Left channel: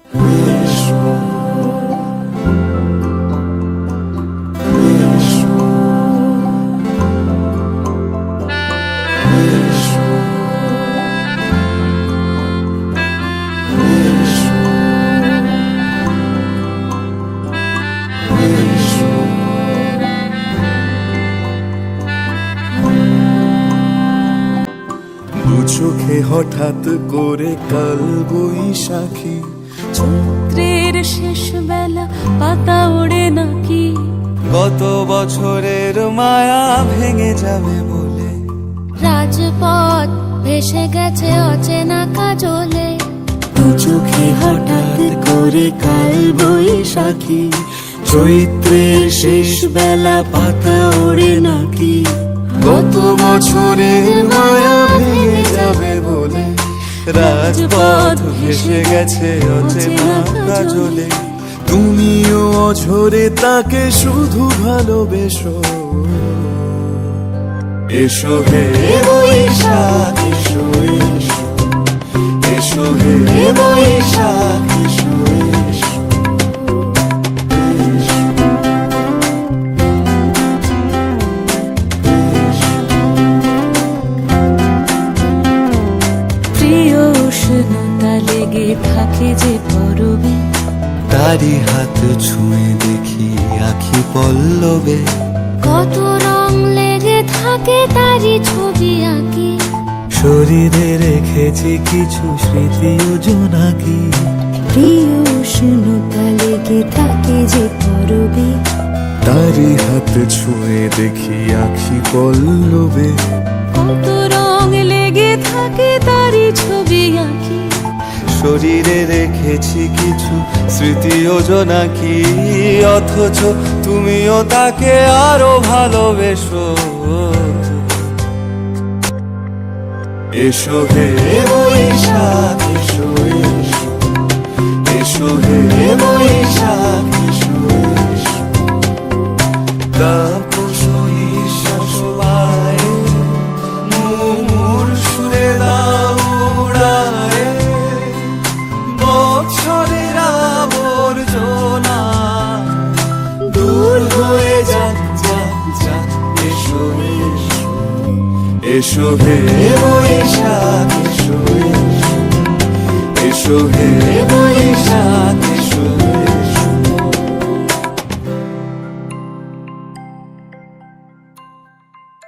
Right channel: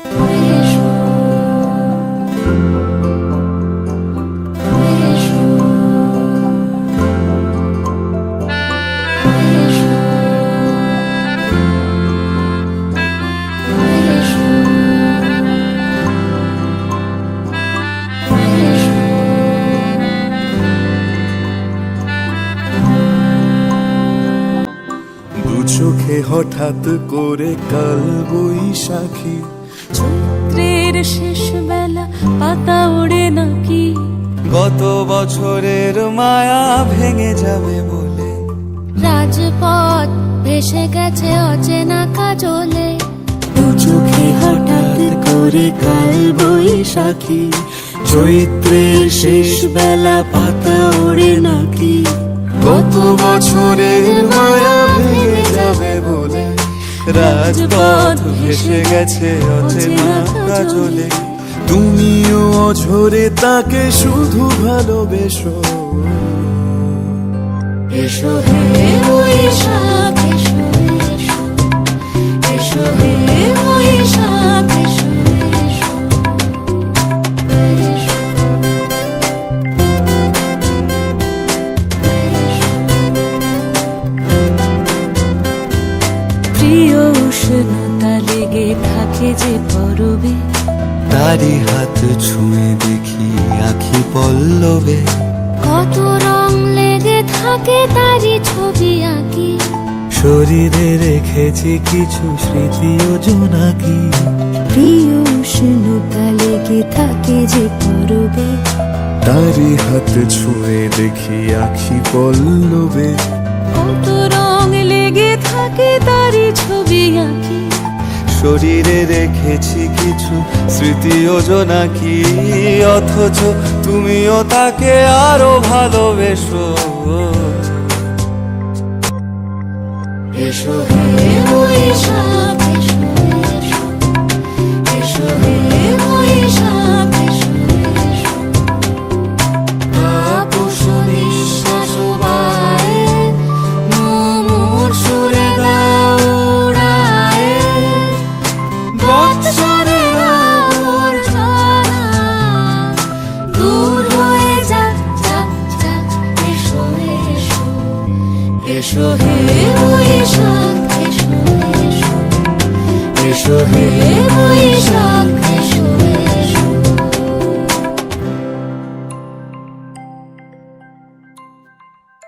দু চোখে হঠাৎ করে কাল বৈশাখী, চৈত্রের শেষ বেলা পাতা ওড়ে নাকি, গত বছরের মায়া ভেঙে যাবে বলে, রাজপথ ভেসে গেছে অচেনা কাজলে। দু চোখে হঠাৎ করে কাল বৈশাখী, চৈত্রের শেষ বেলা পাতা ওড়ে নাকি, গত বছরের মায়া ভেঙে যাবে বলে, রাজপথ ভেসে গেছে অচেনা কাজলে। তুমিও অঝরে তাকে শুধু ভালোবেসো, এসো হে বৈশাখ এসো, এসো এসো হে বৈশাখ এসো, এসো। প্রিয় উষ্ণতা লেগে থাকে যে পরবে, তারি হাত ছুঁয়ে দেখি আখি পল্লবে, কত রং লেগে থাকে তারই ছবি আঁকি, শরীরে রেখেছি কিছু স্মৃতি ও জোনাকি। প্রিয় উষ্ণতা লেগে থাকে যে পরবে, তারি হাত ছুঁয়ে দেখি আখি পল্লবে, কত রং লেগে থাকে তারই ছবি আঁকি, শরীরে রেখেছি কিছু স্মৃতি ও জোনাকি। অথচ তুমিও তাকে আরো ভালোবেসো, এসো হে বৈশাখ এসো, এসো এসো হে বৈশাখ এসো, এসো। তাপস নিঃশ্বাস বাড়ায়, মুমুর সুরে দাও উড়ায়, বৎসরের আবর্জনা দূর হয়ে যাক, যাক, যাক। এসো এসো এসো হে বৈশাখ এসো, এসো এসো হে বৈশাখ এসো।